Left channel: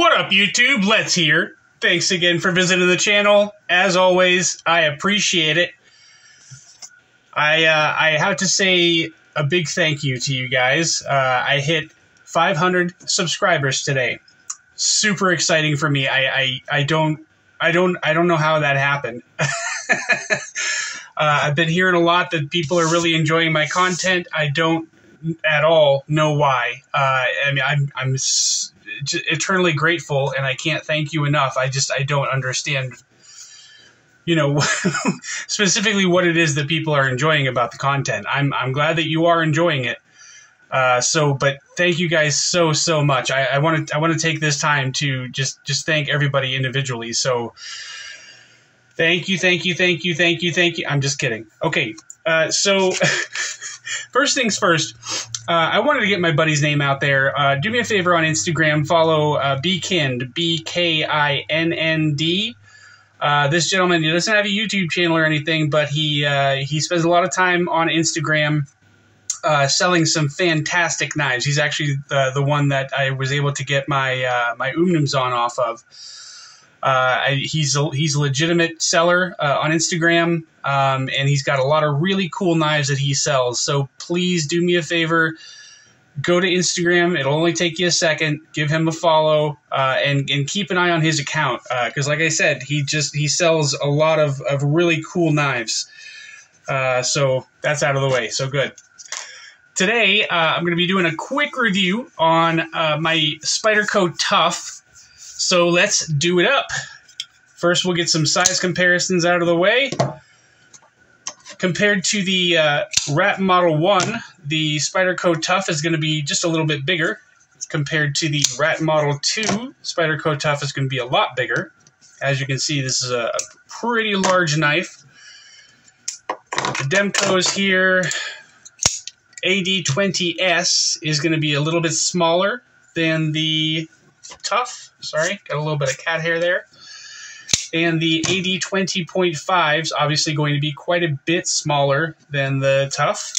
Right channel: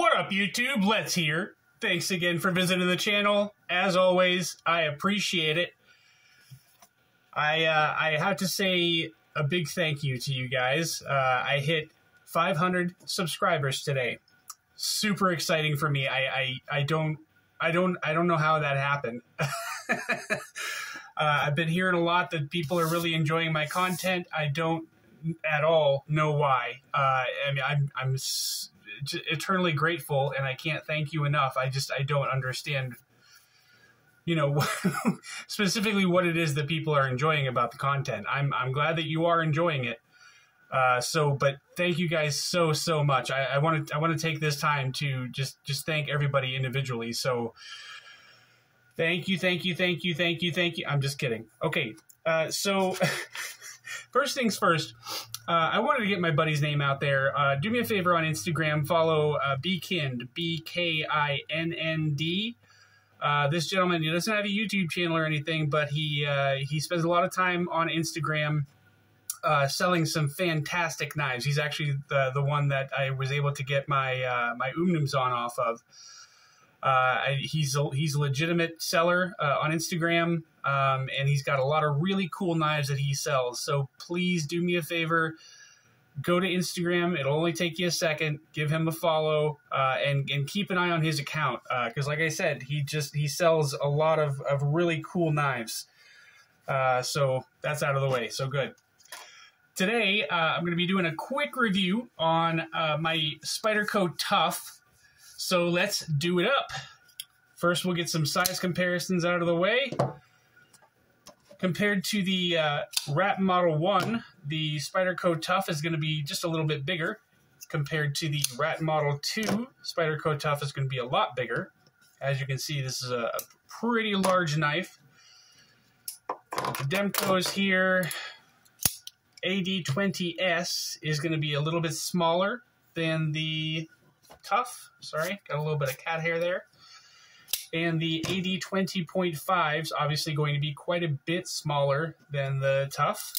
What up, YouTube? Let's here. Thanks again for visiting the channel. As always, I appreciate it. I have to say a big thank you to you guys. I hit 500 subscribers today. Super exciting for me. I don't know how that happened. I've been hearing a lot that people are really enjoying my content. I don't at all know why. I mean, I'm eternally grateful, and I can't thank you enough. I don't understand, you know, specifically what it is that people are enjoying about the content. I'm glad that you are enjoying it. But thank you guys so much. I want to take this time to just thank everybody individually. So thank you. I'm just kidding. Okay. So first things first, I wanted to get my buddy's name out there. Do me a favor on Instagram, follow Bkind, Bkind. This gentleman, he doesn't have a YouTube channel or anything, but he spends a lot of time on Instagram selling some fantastic knives. He's actually the one that I was able to get my my Umnums on off of. He's a legitimate seller on Instagram, and he's got a lot of really cool knives that he sells. So please do me a favor, go to Instagram. It'll only take you a second. Give him a follow, and keep an eye on his account, because like I said, he sells a lot of really cool knives. So that's out of the way. So good. Today, I'm going to be doing a quick review on my Spyderco Tuff. So let's do it up. First, we'll get some size comparisons out of the way. Compared to the Rat Model 1, the Spyderco Tuff is going to be just a little bit bigger. Compared to the Rat Model 2, Spyderco Tuff is going to be a lot bigger. As you can see, this is a pretty large knife. The DEMKOs here. AD20S is going to be a little bit smaller than the Tuff. Sorry, got a little bit of cat hair there. And the AD20.5 is obviously going to be quite a bit smaller than the Tuff.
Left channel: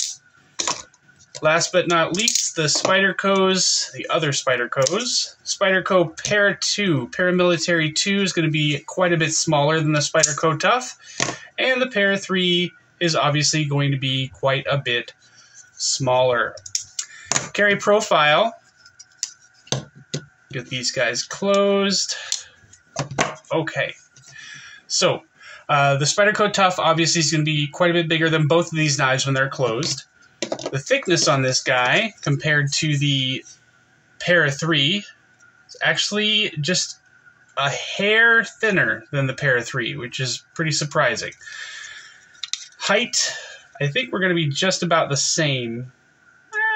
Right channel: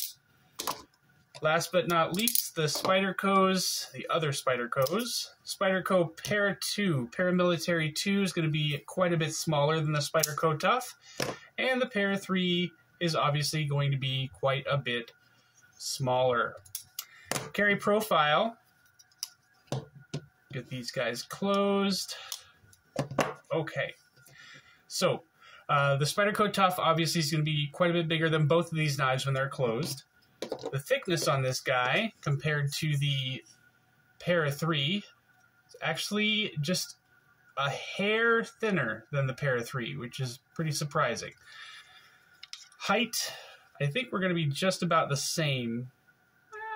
Last but not least, the Spydercos, the other Spydercos. Spyderco Para 2, Paramilitary 2 is going to be quite a bit smaller than the Spyderco Tuff. And the Para 3 is obviously going to be quite a bit smaller. Carry profile. Get these guys closed. Okay. So, the Spyderco Tuff obviously is going to be quite a bit bigger than both of these knives when they're closed. The thickness on this guy, compared to the Para 3, is actually just a hair thinner than the Para 3, which is pretty surprising. Height, I think we're going to be just about the same.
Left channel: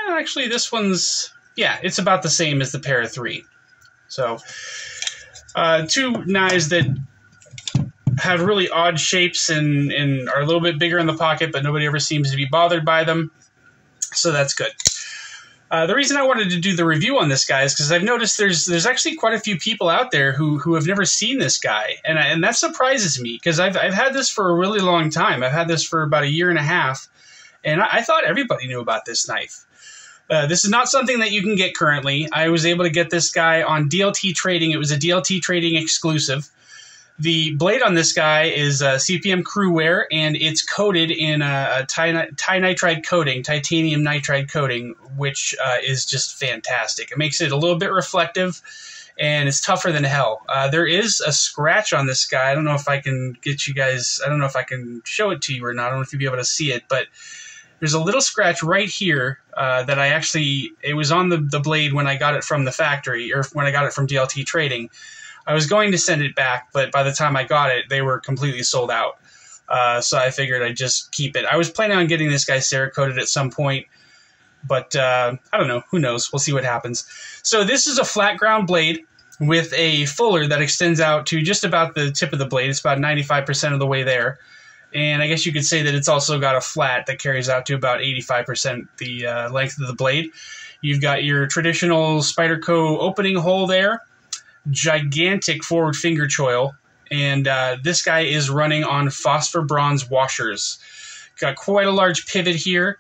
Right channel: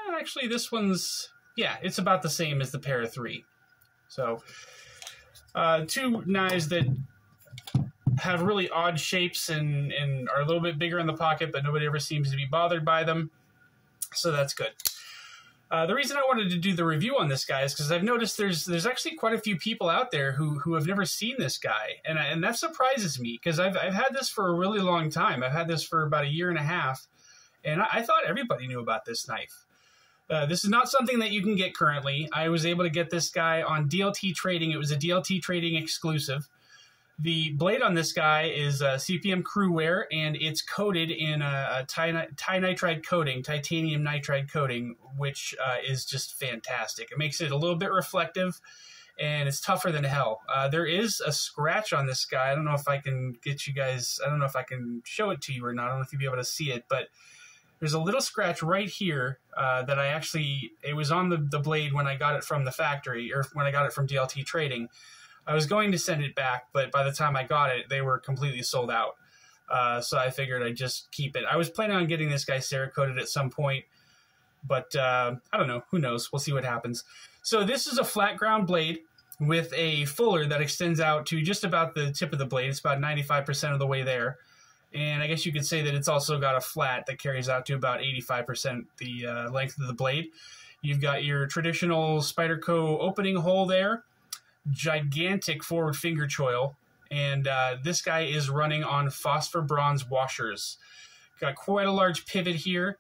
Actually, this one's, yeah, it's about the same as the Para 3. So, two knives that have really odd shapes and are a little bit bigger in the pocket, but nobody ever seems to be bothered by them. So that's good. The reason I wanted to do the review on this guy is because I've noticed there's actually quite a few people out there who have never seen this guy, and that surprises me because I've had this for a really long time. I've had this for about a year and a half, and I thought everybody knew about this knife. This is not something that you can get currently. I was able to get this guy on DLT Trading. It was a DLT Trading exclusive. The blade on this guy is CPM CRUWEAR, and it's coated in a titanium nitride coating, which is just fantastic. It makes it a little bit reflective, and it's tougher than hell. There is a scratch on this guy. I don't know if I can get you guys, I don't know if I can show it to you or not. I don't know if you'll be able to see it, but there's a little scratch right here that I actually, it was on the blade when I got it from the factory, or when I got it from DLT Trading. I was going to send it back, but by the time I got it, they were completely sold out. So I figured I'd just keep it. I was planning on getting this guy Cerakoted at some point, but I don't know. Who knows? We'll see what happens. So this is a flat ground blade with a fuller that extends out to just about the tip of the blade. It's about 95% of the way there. And I guess you could say that it's also got a flat that carries out to about 85% the length of the blade. You've got your traditional Spyderco opening hole there. Gigantic forward finger choil, and this guy is running on phosphor bronze washers. Got quite a large pivot here.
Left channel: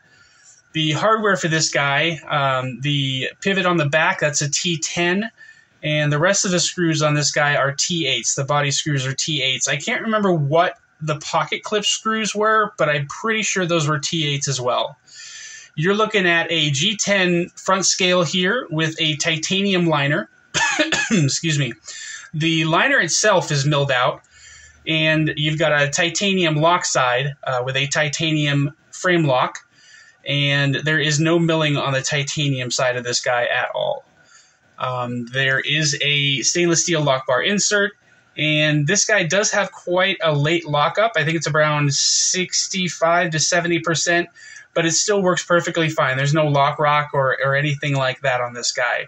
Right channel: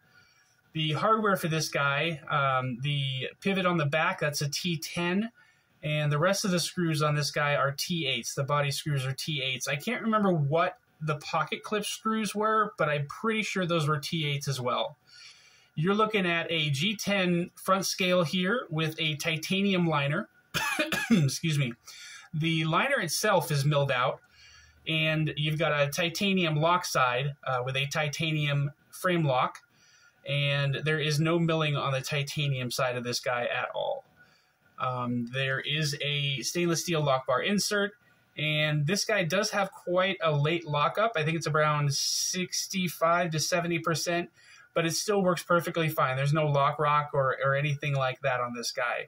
The hardware for this guy, the pivot on the back, that's a T10, And the rest of the screws on this guy are T8s. The body screws are T8s. I can't remember what the pocket clip screws were, but I'm pretty sure those were T8s as well. You're looking at a G10 front scale here with a titanium liner. Excuse me. The liner itself is milled out, and you've got a titanium lock side with a titanium frame lock, and there is no milling on the titanium side of this guy at all. There is a stainless steel lock bar insert, and this guy does have quite a late lockup. I think it's around 65 to 70%, but it still works perfectly fine. There's no lock rock or anything like that on this guy.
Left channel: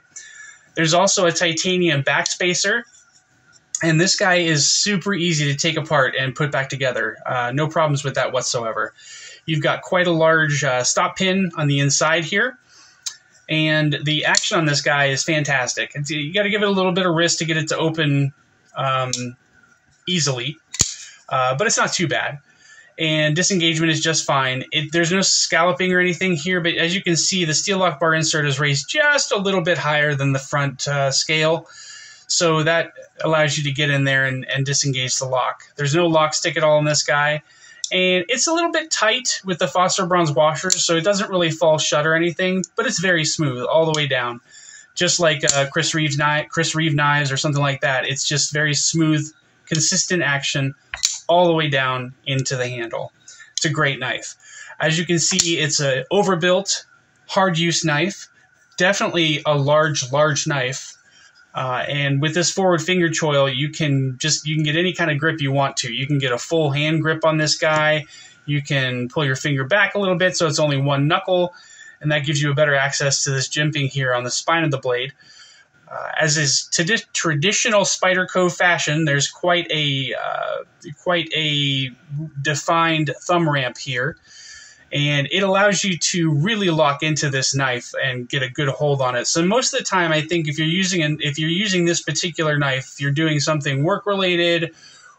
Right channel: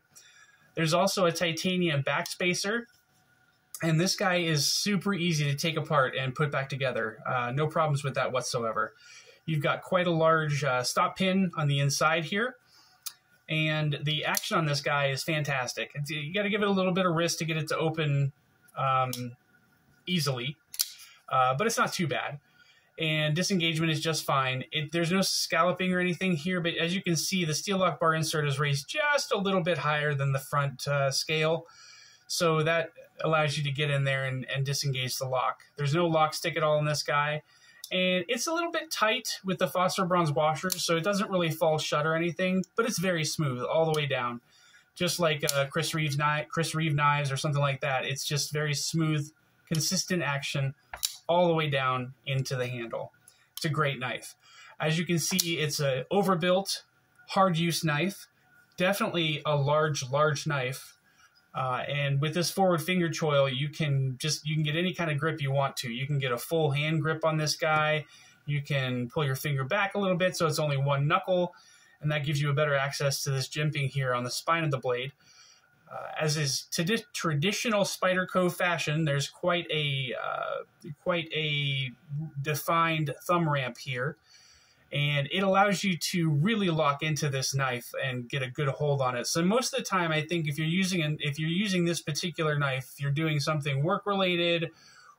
There's also a titanium backspacer, and this guy is super easy to take apart and put back together. No problems with that whatsoever. You've got quite a large stop pin on the inside here, and the action on this guy is fantastic. You got to give it a little bit of wrist to get it to open easily, but it's not too bad. And disengagement is just fine. There's no scalloping or anything here, but as you can see, the steel lock bar insert is raised just a little bit higher than the front scale, so that allows you to get in there and disengage the lock. There's no lock stick at all in this guy, and it's a little bit tight with the phosphor bronze washers, so it doesn't really fall shut or anything, but it's very smooth all the way down, just like Chris Reeve knives or something like that. It's just very smooth, consistent action all the way down into the handle. It's a great knife. As you can see, it's an overbuilt, hard-use knife. Definitely a large knife. And with this forward finger choil, you can get any kind of grip you want to. You can get a full hand grip on this guy. You can pull your finger back a little bit so it's only one knuckle, and that gives you a better access to this jimping here on the spine of the blade. As is traditional Spyderco fashion, there's quite a defined thumb ramp here, and it allows you to really lock into this knife and get a good hold on it. So most of the time, I think if you're using this particular knife, if you're doing something work related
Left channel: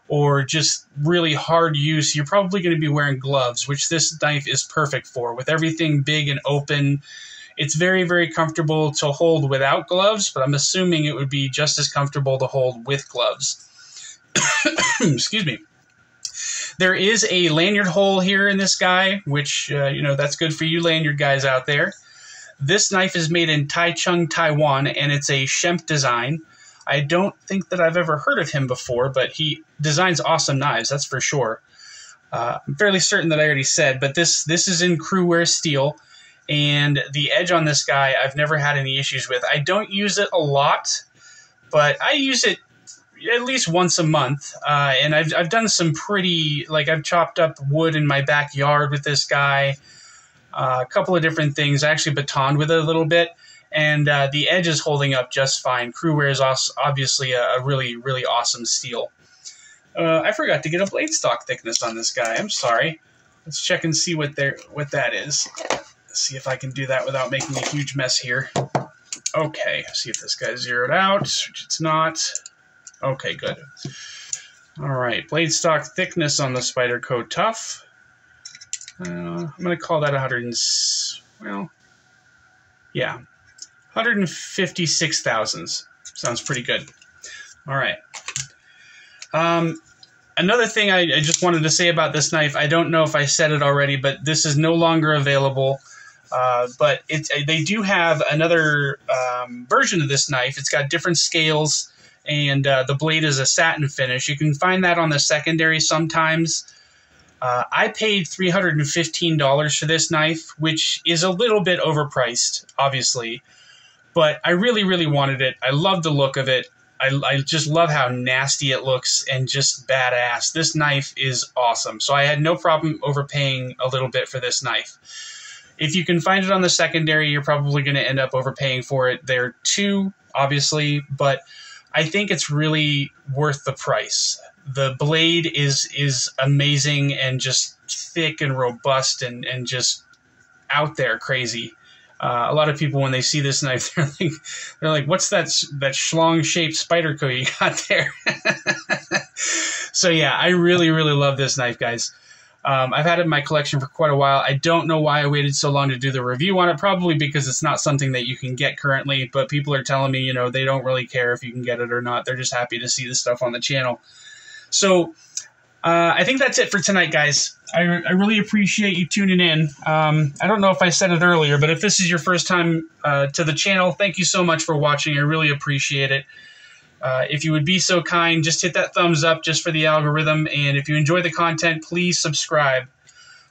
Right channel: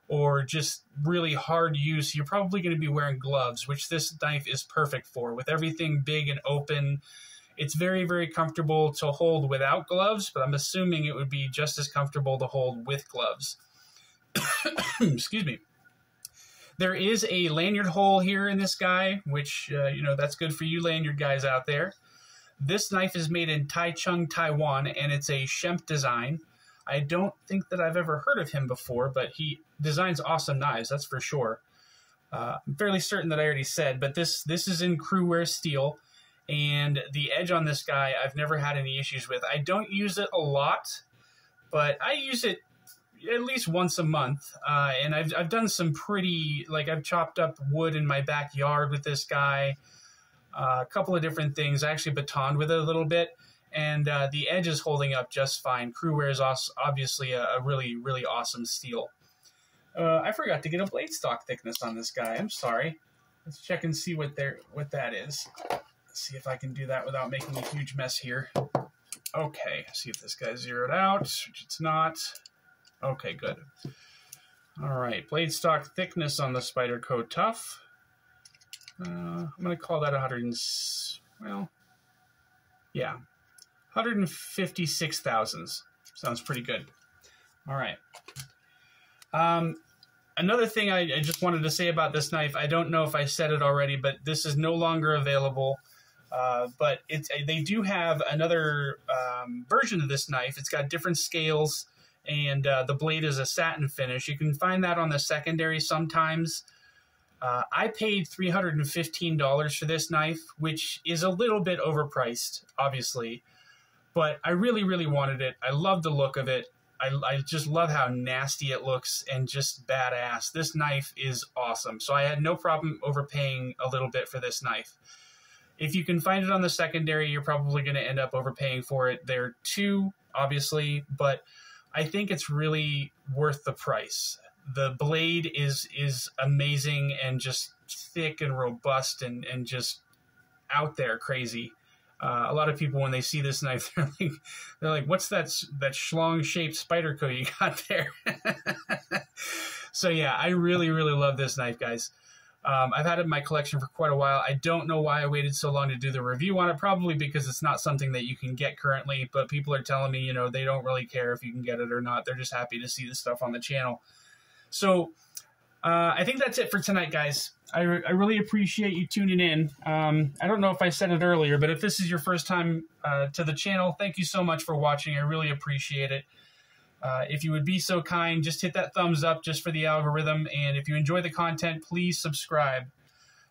or just really hard use, you're probably going to be wearing gloves, which this knife is perfect for. With everything big and open, it's very, very comfortable to hold without gloves, but I'm assuming it would be just as comfortable to hold with gloves. Excuse me. There is a lanyard hole here in this guy, which, that's good for you lanyard guys out there. This knife is made in Taichung, Taiwan, and it's a Shemp design. I don't think that I've ever heard of him before, but he designs awesome knives, that's for sure. I'm fairly certain that I already said, but this is in CRUWEAR steel. And the edge on this guy, I've never had any issues with. I don't use it a lot, but I use it at least once a month. And I've done some pretty, I've chopped up wood in my backyard with this guy. A couple of different things. I actually batoned with it a little bit. And the edge is holding up just fine. CRUWEAR is obviously a really, really awesome steel. I forgot to get a blade stock thickness on this guy. I'm sorry. Let's check and see what that is. See if I can do that without making a huge mess here. Okay, see if this guy's zeroed out, which it's not. Okay, good. All right, blade stock thickness on the Spyderco Tuff. I'm going to call that 156 thousandths. Sounds pretty good. All right. Another thing I just wanted to say about this knife, I don't know if I said it already, but this is no longer available. But they do have another version of this knife. It's got different scales, and the blade is a satin finish. You can find that on the secondary sometimes. I paid $315 for this knife, which is a little bit overpriced, obviously. But I really, really wanted it. I love the look of it. I just love how nasty it looks and just badass. This knife is awesome. So I had no problem overpaying a little bit for this knife. If you can find it on the secondary, you're probably going to end up overpaying for it there too, obviously, but I think it's really worth the price. The blade is amazing and just thick and robust and just out there crazy. A lot of people, when they see this knife, they're like, what's that schlong-shaped Spyderco you got there? So yeah, I really, really love this knife, guys. I've had it in my collection for quite a while. I don't know why I waited so long to do the review on it, probably because it's not something that you can get currently, but people are telling me, you know, they don't really care if you can get it or not. They're just happy to see the stuff on the channel. So I think that's it for tonight, guys. I really appreciate you tuning in. I don't know if I said it earlier, but if this is your first time to the channel, thank you so much for watching. I really appreciate it. If you would be so kind, just hit that thumbs up just for the algorithm. And if you enjoy the content, please subscribe.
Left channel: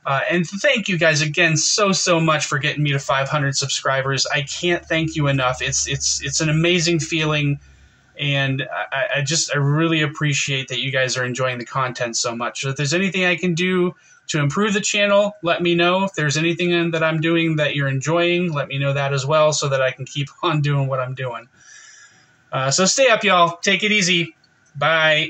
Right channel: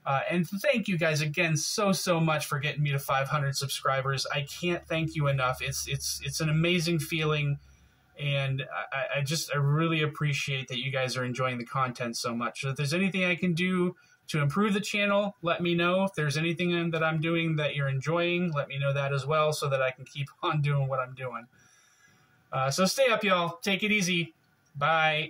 And thank you guys again so much for getting me to 500 subscribers. I can't thank you enough. It's an amazing feeling. And I really appreciate that you guys are enjoying the content so much. So if there's anything I can do to improve the channel, let me know. If there's anything that I'm doing that you're enjoying, let me know that as well so that I can keep on doing what I'm doing. So stay up, y'all. Take it easy. Bye.